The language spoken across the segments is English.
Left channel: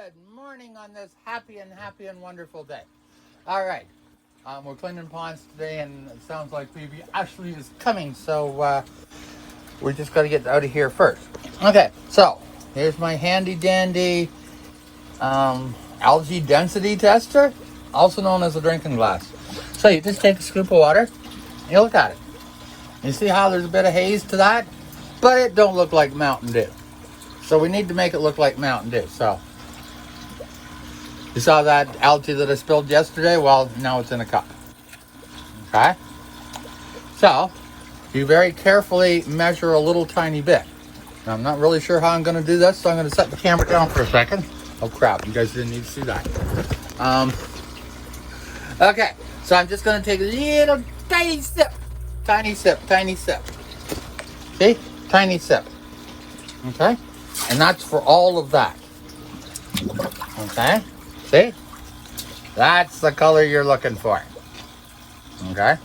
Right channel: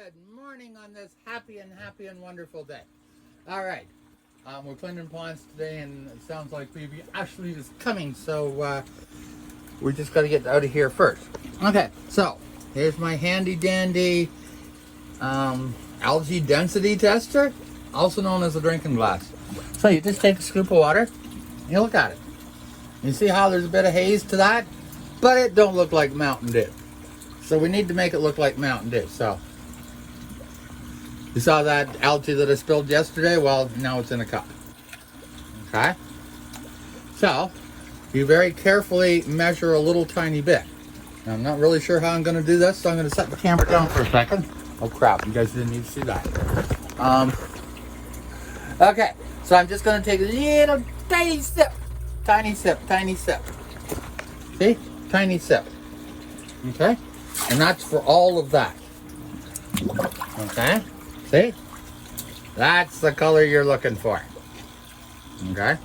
Good morning on this happy and wonderful day. All right, we're cleaning ponds today, and it sounds like baby Ashley is coming, so we just got to get out of here first. Okay, so here's my handy dandy algae density tester, also known as a drinking glass. So you just take a scoop of water, and you look at it. You see how there's a bit of haze to that, but it don't look like Mountain Dew. So we need to make it look like Mountain Dew. So you saw that algae that I spilled yesterday? Well, now it's in a cup. Okay? So you very carefully measure a little tiny bit. Now, I'm not really sure how I'm going to do this, so I'm going to set the camera down for a second. Oh crap, you guys didn't need to see that. Okay, so I'm just going to take a little tiny sip. Tiny sip, tiny sip. See? Tiny sip. Okay? And that's for all of that. Okay? See? That's the color you're looking for. Okay?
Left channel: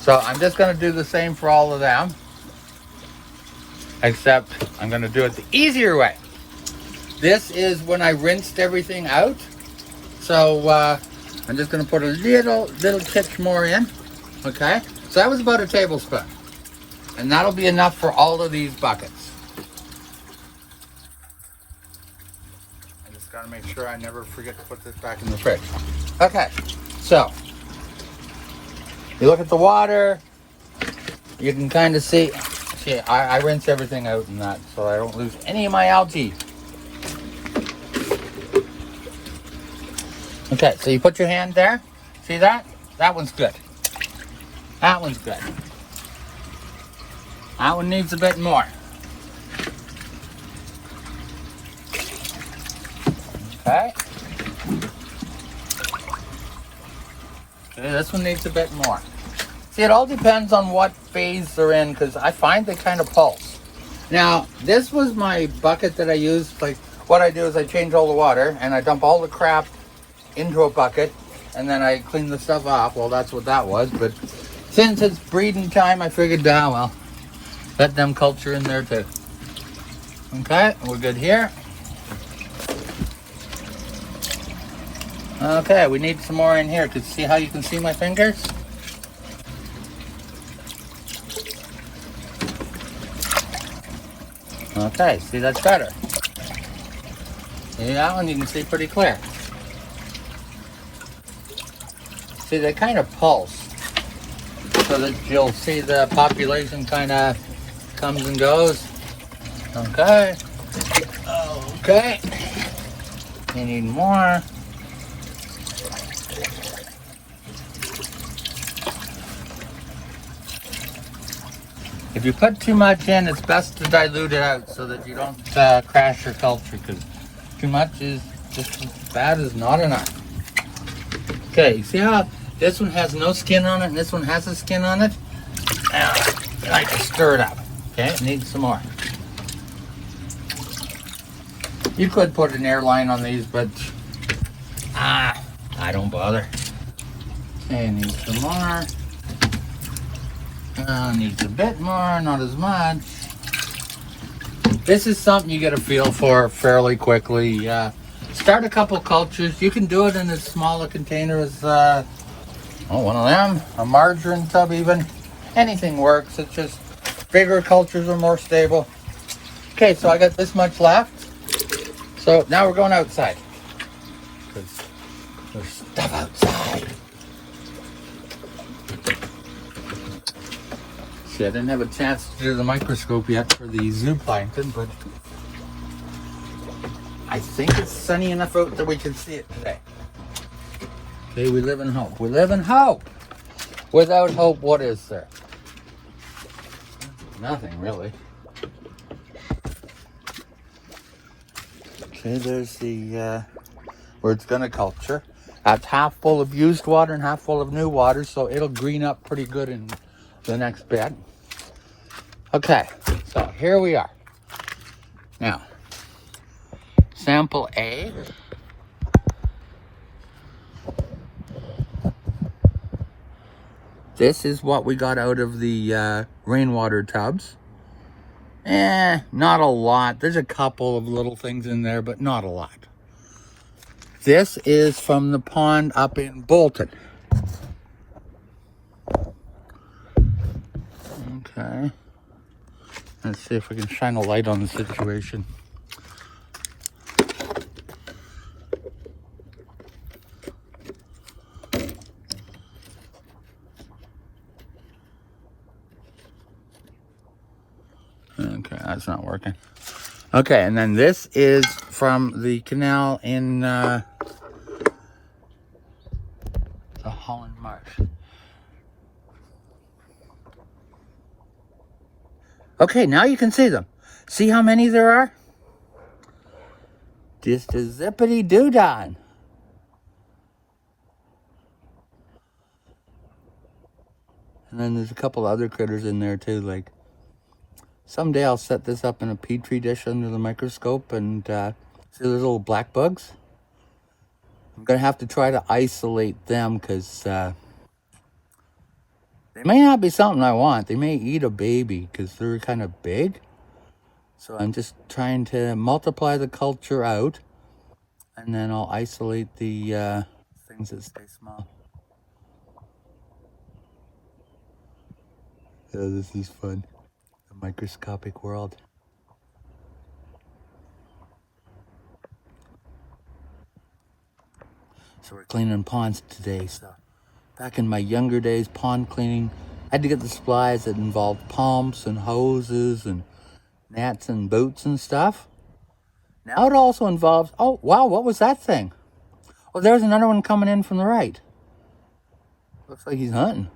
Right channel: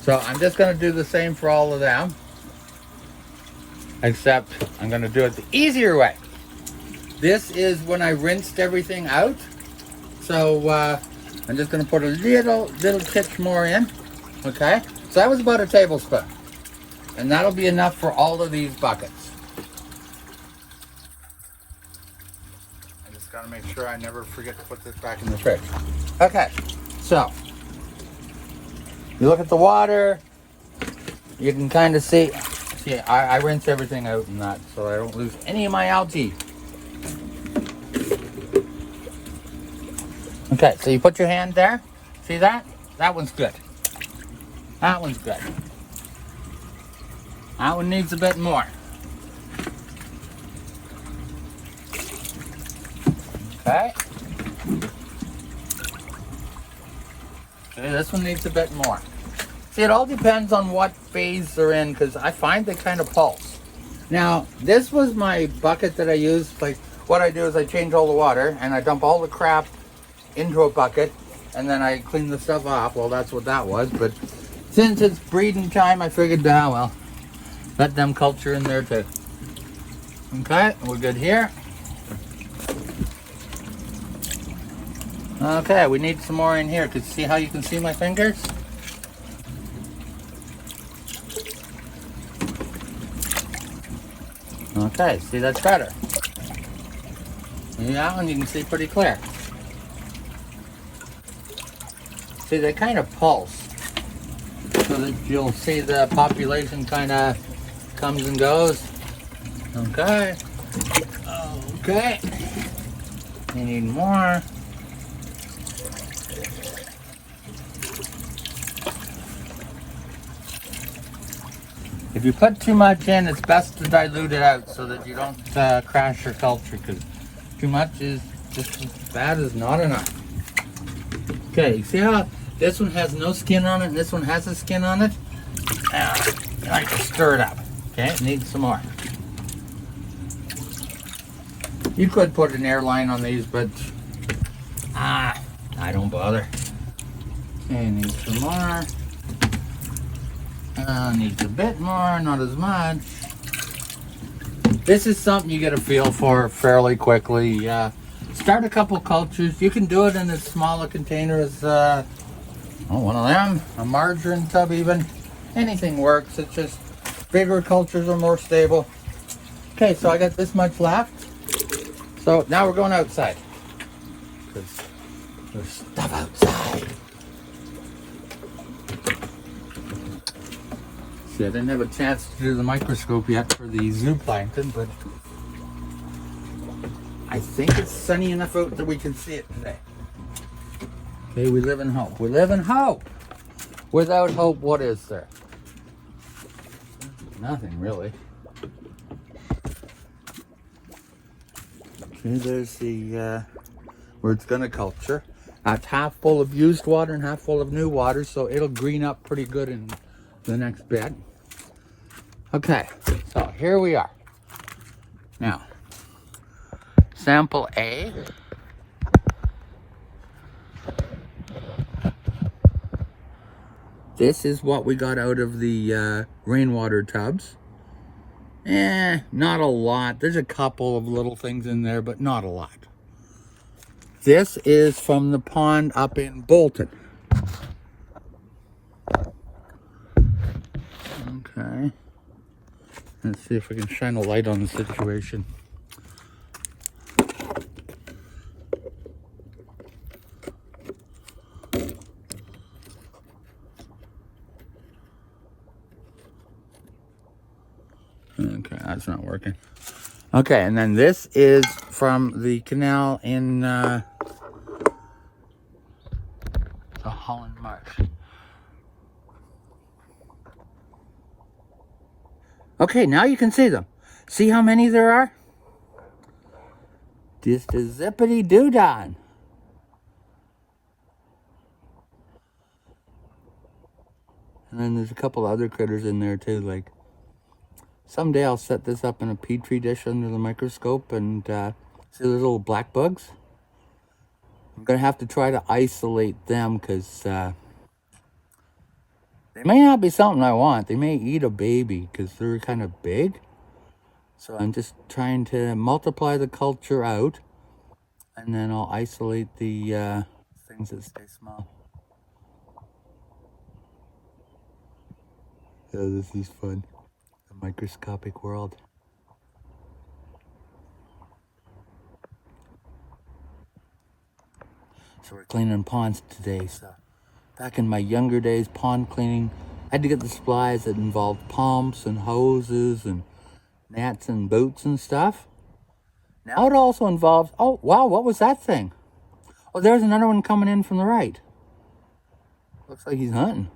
So I'm just going to do the same for all of them. Except I'm going to do it the easier way. This is when I rinsed everything out. So I'm just going to put a little tick more in. Okay? So that was about a tablespoon. And that'll be enough for all of these buckets. I just gotta make sure I never forget to put this back in the fridge. Okay, so you look at the water, you can kind of see I rinse everything out in that so I don't lose any of my algae. Okay, so you put your hand there, see that? That one's good. That one's good. That one needs a bit more. Okay. This one needs a bit more. See, it all depends on what phase they're in, because I find they kind of pulse. Now, this was my bucket that I used. Like, what I do is I change all the water, and I dump all the crap into a bucket, and then I clean the stuff off. Well, that's what that was, but since it's breeding time, I figured, well, let them culture in there too. Okay, we're good here. Okay, we need some more in here. Could you see how you can see my fingers? Okay, see, that's better. Yeah, and you can see pretty clear. See, they kind of pulse. So that you'll see the population kind of comes and goes. Okay. Okay. You need more. If you put too much in, it's best to dilute it out so that you don't crash your culture, because too much is just as bad as not enough. Okay, see how this one has no skin on it and this one has a skin on it? I like to stir it up. Okay, it needs some more. You could put an airline on these, but I don't bother. Okay, needs some more. Needs a bit more, not as much. This is something you get a feel for fairly quickly. Start a couple cultures. You can do it in as small a container as one of them, a margarine tub even. Anything works. It's just bigger cultures are more stable. Okay, so I got this much left. So now we're going outside, because there's stuff outside. See, I didn't have a chance to do the microscope yet for the zooplankton, but I think it's sunny enough out that we can see it today. Okay, we live in hope. We live in hope. Without hope, what is there? Nothing, really. Okay, there's the where it's gonna culture. That's half full of used water and half full of new water, so it'll green up pretty good in the next bed. Okay, so here we are. Now, sample A. This is what we got out of the rainwater tubs. Not a lot. There's a couple of little things in there, but not a lot. This is from the pond up in Bolton. Okay. Let's see if we can shine a light on the situation. Okay, that's not working. Okay, and then this is from the canal in the Holland Marsh. Okay, now you can see them. See how many there are? Just a zippity doo-dah. And then there's a couple other critters in there too. Like, someday I'll set this up in a petri dish under the microscope and see those little black bugs. I'm gonna have to try to isolate them because they may not be something I want. They may eat a baby because they're kind of big. So I'm just trying to multiply the culture out, and then I'll isolate the things that stay small. Yeah, this is fun. The microscopic world. So we're cleaning ponds today. So back in my younger days, pond cleaning, I had to get the supplies that involved pumps and hoses and nets and boots and stuff. Now it also involves, oh wow, what was that thing? Oh, there's another one coming in from the right. Looks like he's hunting.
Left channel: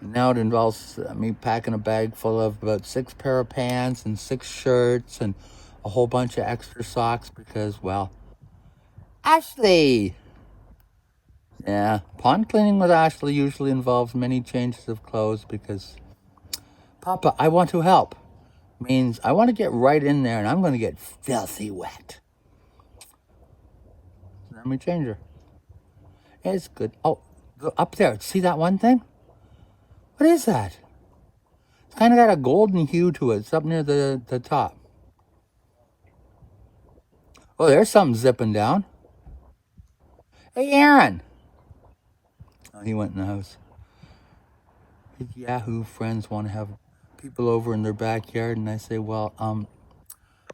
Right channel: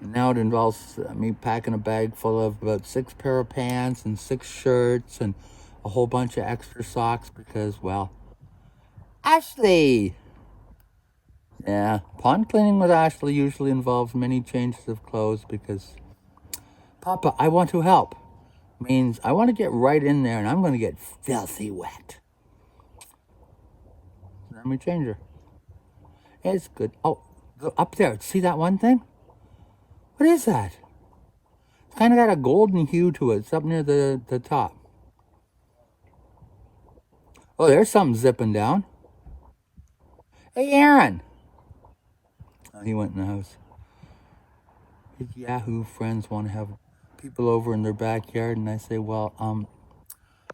And now it involves me packing a bag full of about 6 pair of pants and 6 shirts and a whole bunch of extra socks because, well, Ashley! Yeah, pond cleaning with Ashley usually involves many changes of clothes because, Papa, I want to help. Means I want to get right in there and I'm going to get filthy wet. Let me change her. It's good. Oh, go up there. See that one thing? What is that? It's kind of got a golden hue to it. It's up near the top. Oh, there's something zipping down. Hey, Aaron. Oh, he went in the house. His Yahoo friends want to have people over in their backyard, and I say, well,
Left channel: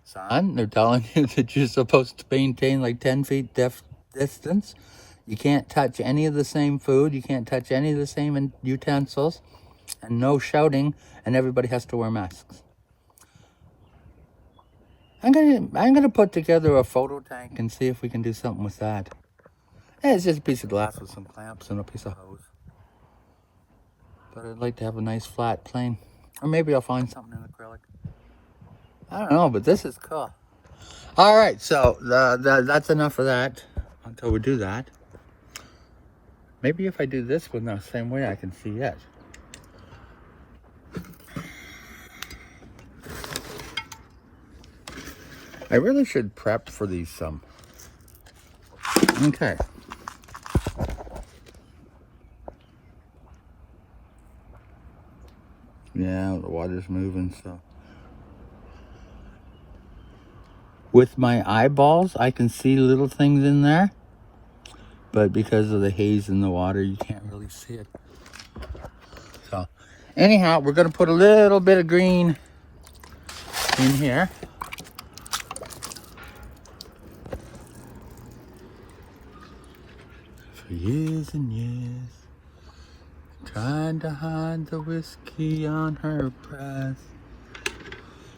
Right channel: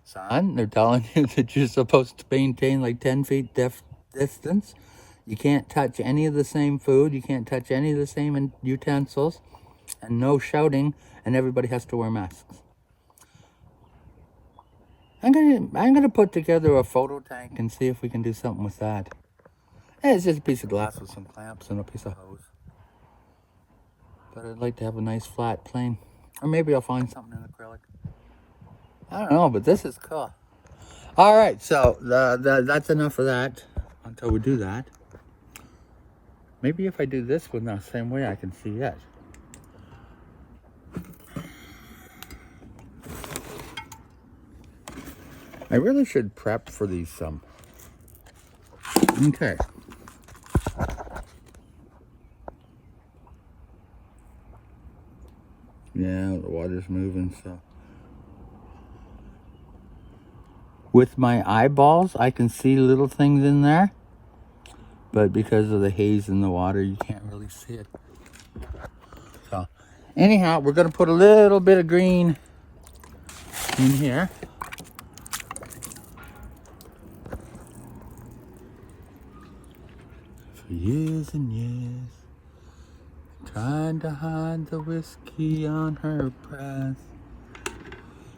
son, they're telling you that you're supposed to maintain like 10 feet distance. You can't touch any of the same food. You can't touch any of the same utensils, and no shouting, and everybody has to wear masks. I'm gonna put together a photo tank and see if we can do something with that. It's just a piece of glass with some clamps and a piece of hose. But I'd like to have a nice flat plane. Or maybe I'll find something in acrylic. I don't know, but this is cool. All right, so that's enough of that until we do that. Maybe if I do this one the same way, I can see it. I really should prep for these some. Okay. Yeah, the water's moving, so. With my eyeballs, I can see little things in there. But because of the haze in the water, you can't really see it. So, anyhow, we're going to put a little bit of green in here. For years and years, trying to hide the whiskey on her breath,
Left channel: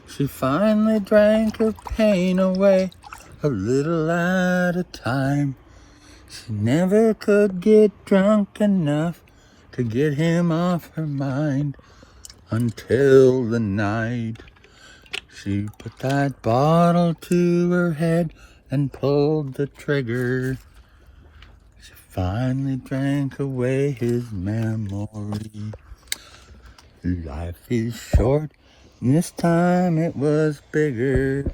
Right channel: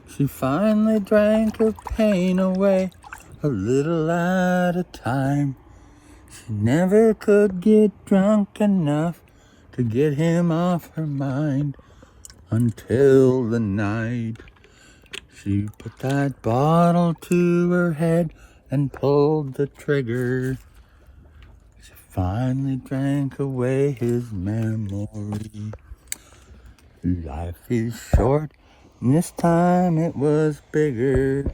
she finally drank her pain away a little at a time. She never could get drunk enough to get him off her mind until the night she put that bottle to her head and pulled the trigger. She finally drank away his memory. Life is short, and this time it was bigger.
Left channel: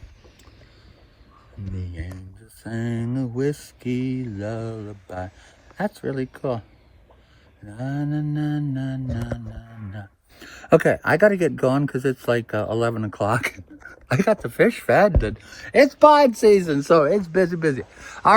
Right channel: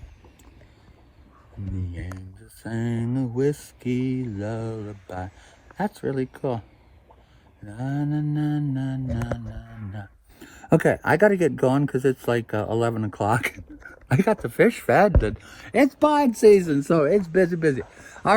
In the end, I sang a whiskey lullaby. That's really cool. Na, na, na, na, na, na, na. Okay, I gotta get going because it's like 11 o'clock. I got the fish fed. And it's pod season, so it's busy. All